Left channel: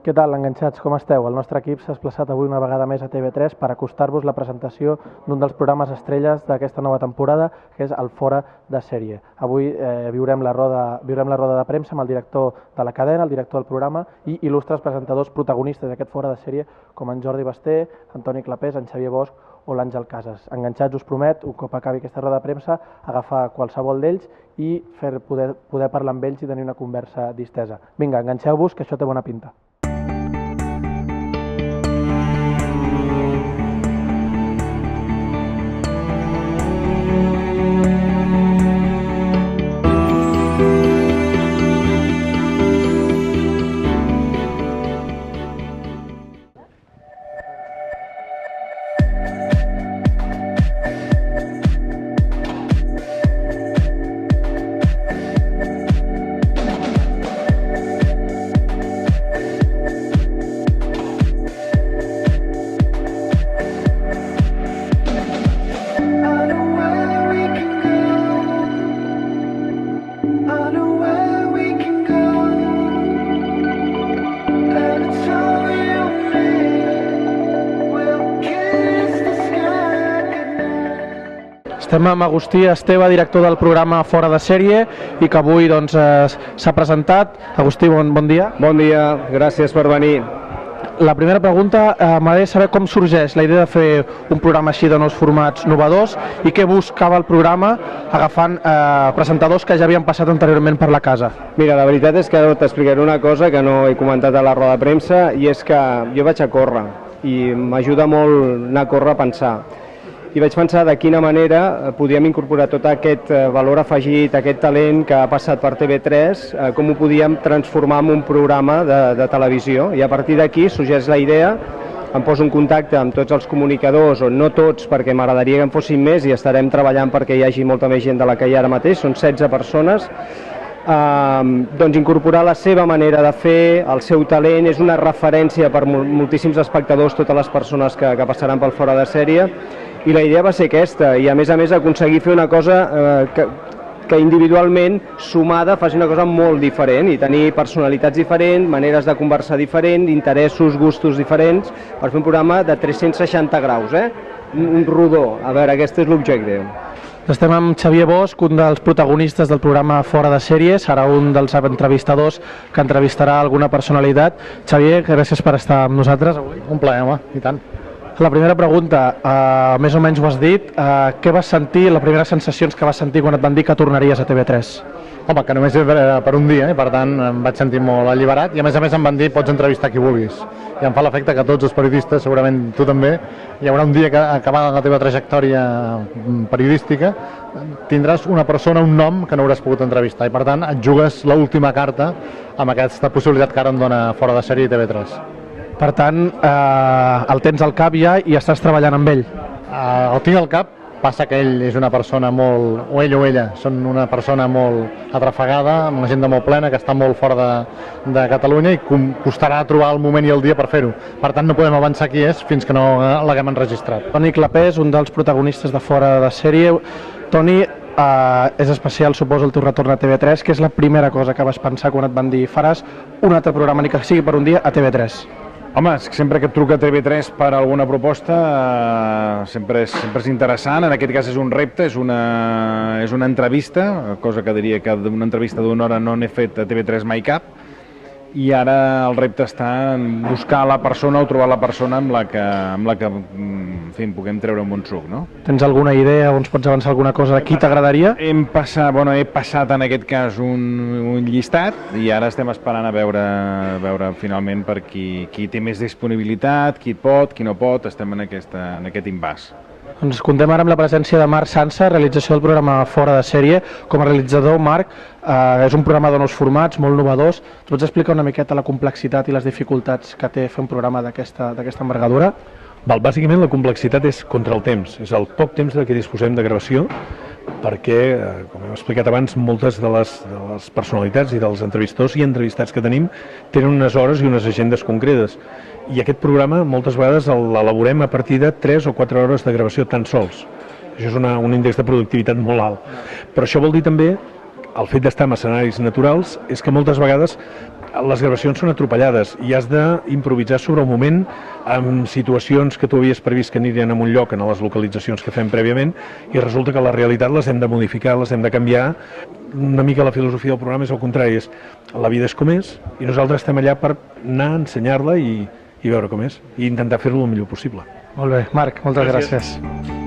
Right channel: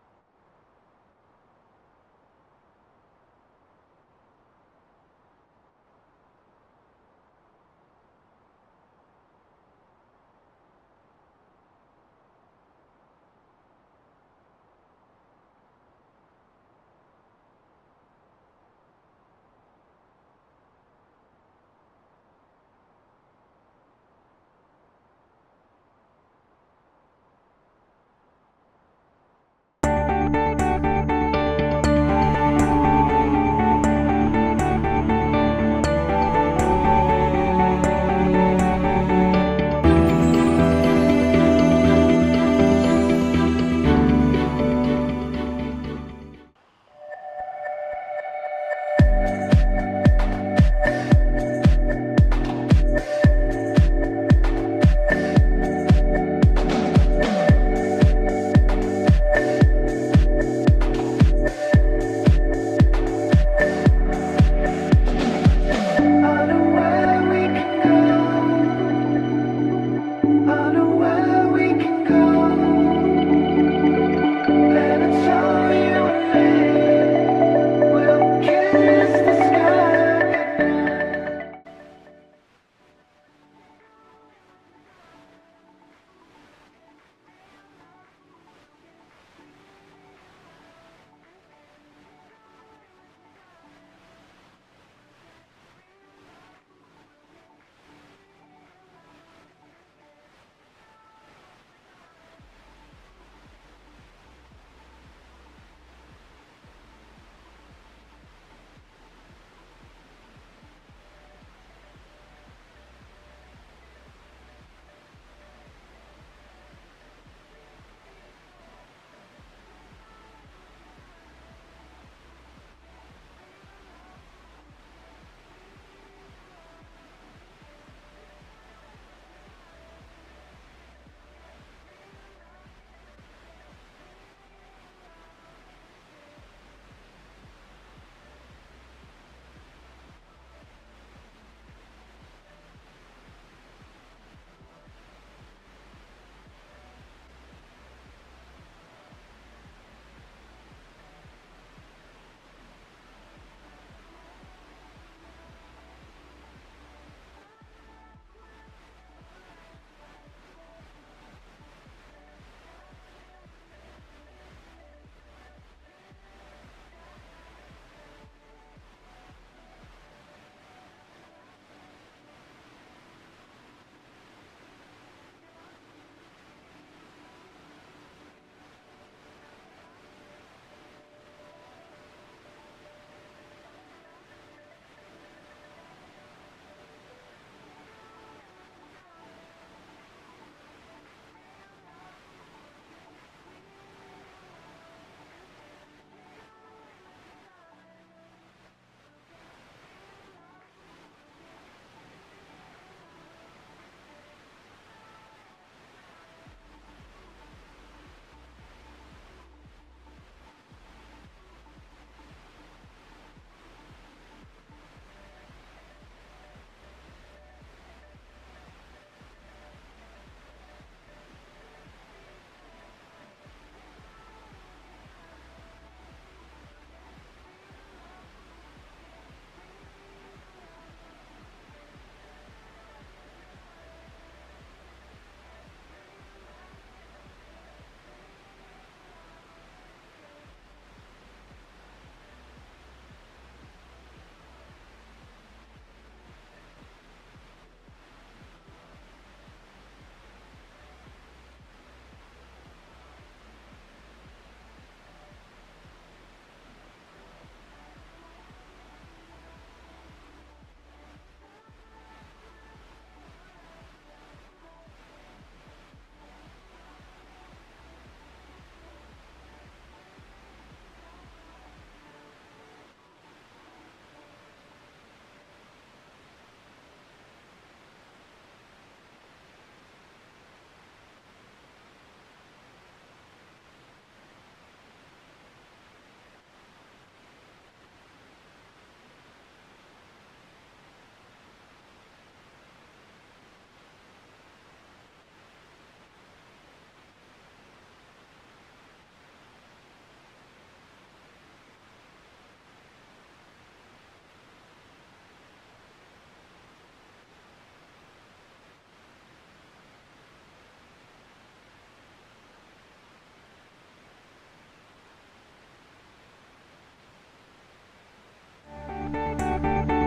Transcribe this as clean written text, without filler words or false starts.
Què tal, enganxats, com esteu? El nostre equip s'ha desplaçat avui una vegada més a TV3 per acostar-vos la presentació d'un dels programes estrelles d'aquesta nova temporada, que és el Fora de Sèrie. Avui viurem la roda de premsa amb el director de la cadena, el director del programa i il·lustres presentadors protagonistes d'aquest Fora de Sèrie, com en Jordi Basté, en Toni Clapés, en Xavier Bosch o l'Àngel Casas. Enganxats, us promet, un cop acabi aquesta roda de premsa, agafar qualsevol d'ells i poder parlar amb ells i tenir una conversa distesa. Vinga, enganxeu-vos, que això té bona pinta. Estem amb Agustí Esteve, director del programa Fora de Sèrie, i que avui s'ha presentat. Agustí, bon dia. Bon dia, gràcies per venir. La primera pregunta, m'agradaria saber com sorgeix la idea de fer un programa així de nous formats innovadors i què buscava el programa agafant presentadors que ja havien passat anteriorment per la casa. Mira, la veritat és que t'explicaré una cosa que no he comentat a la roda de premsa, i és que jo vaig a córrer i m'ajuda molt anar a córrer a pensar. I vaig pensar de quina manera podíem incorporar tot aquest valor afegit, aquest talent que ha passat per TV3, com ho podíem transformar en un programa de televisió. I a partir d'aquí sorgeix la idea, em poso en contacte amb tots els comunicadors, o no tots, perquè m'agradaria que en fossin més, i estarem treballant perquè hi hagi molta més gent de la que hi ha ara mateix, són 16 persones, doncs incorporar la seva manera de fer, el seu talent, és una referència per moltíssims espectadors, totes les persones que passaran pel Fora de Sèrie. I la idea va ser aquesta, i a més aconseguir fer una cosa que individualment, sumada, faci una cosa molt diferent i tenir personalitats diferents, maneres de conversar diferents, interessos, gustos diferents, per fer un programa de 360 graus, un rodó. A veure, aquest és l'objectiu. Estem amb Xavier Bosch, un dels protagonistes del programa Fora de Sèrie, serà un dels entrevistadors que entrevistarà alguna personalitat. Xavier, gràcies per estar amb nosaltres avui. Un plaer, home, i tant. La primera pregunta, més o menys ho has dit, què vas sentir, les primeres sensacions que vas sentir quan et van dir que tornaries a TV3? Home, que només era per un dia, i per tant em vaig sentir molt alliberat, i a més em van dir pots entrevistar qui vulguis. I em fa l'efecte que tots els periodistes, segurament tu també, hi haurà un dia que acabada la teva trajectòria periodística tindràs una persona, un nom que no hauràs pogut entrevistar, i per tant et jugues l'última carta amb aquesta possibilitat que ara em dona Fora de Sèrie i TV3. Per tant, el tens al cap ja i estàs treballant amb ell? El tinc al cap, passa que ell és una persona molt, o ell o ella, són una persona molt atrafegada, amb una agenda molt plena, que està molt fora de Catalunya, i costarà trobar el moment i el dia per fer-ho. Per tant, no podem avançar qui és fins que no l'haguem enregistrat. Toni Clapés, un dels protagonistes de Fora de Sèrie. Toni, és especial, suposo, el teu retorn a TV3, que és la primera cosa que vas pensar quan et van dir faràs un altre programa, ni que sigui per un dia, a TV3. Home, sempre que et truca TV3 per alguna proposta sempre és interessant. En aquest cas és un repte, és una entrevista, cosa que diria que d'una entrevista d'una hora no n'he fet a TV3 mai cap, i ara el repte està en buscar la persona o trobar la persona amb la que en fi, puguem treure un bon suc, no? Tens alguna idea o ens pots avançar alguna cosa de qui t'agradaria? He passat en aquest cas un llistat i ara estem esperant a veure finalment per qui té més disponibilitat, qui pot, qui no pot, estem en aquest imbàs. Doncs comptem ara amb la presència de Marc Sansa, realització del programa Fora de Sèrie. Com a realitzador, Marc, és un programa de nous formats, molt innovadors. Ens pots explicar una miqueta la complexitat i les dificultats que té fer un programa d'aquesta envergadura? Bàsicament la complexitat és contra el temps, és el poc temps de què disposem de gravació, perquè, com hem explicat abans, moltes de les personalitats i dels entrevistadors i entrevistats que tenim tenen unes hores i unes agendes concretes. I aquest programa moltes vegades l'elaborem a partir de 3 o 4 hores de gravació tan sols. Això és un índex de productivitat molt alt. Però això vol dir també, el fet d'estar en escenaris naturals, és que moltes vegades les gravacions són atropellades i has d'improvisar sobre el moment amb situacions que tu havies previst que anirien a un lloc en les localitzacions que fem prèviament i resulta que la realitat les hem de modificar, les hem de canviar. Una mica la filosofia del programa és el contrari, és la vida és com és i nosaltres estem allà per anar a ensenyar-la i veure com és i intentar fer-lo el millor possible. Molt bé, Marc, moltes gràcies.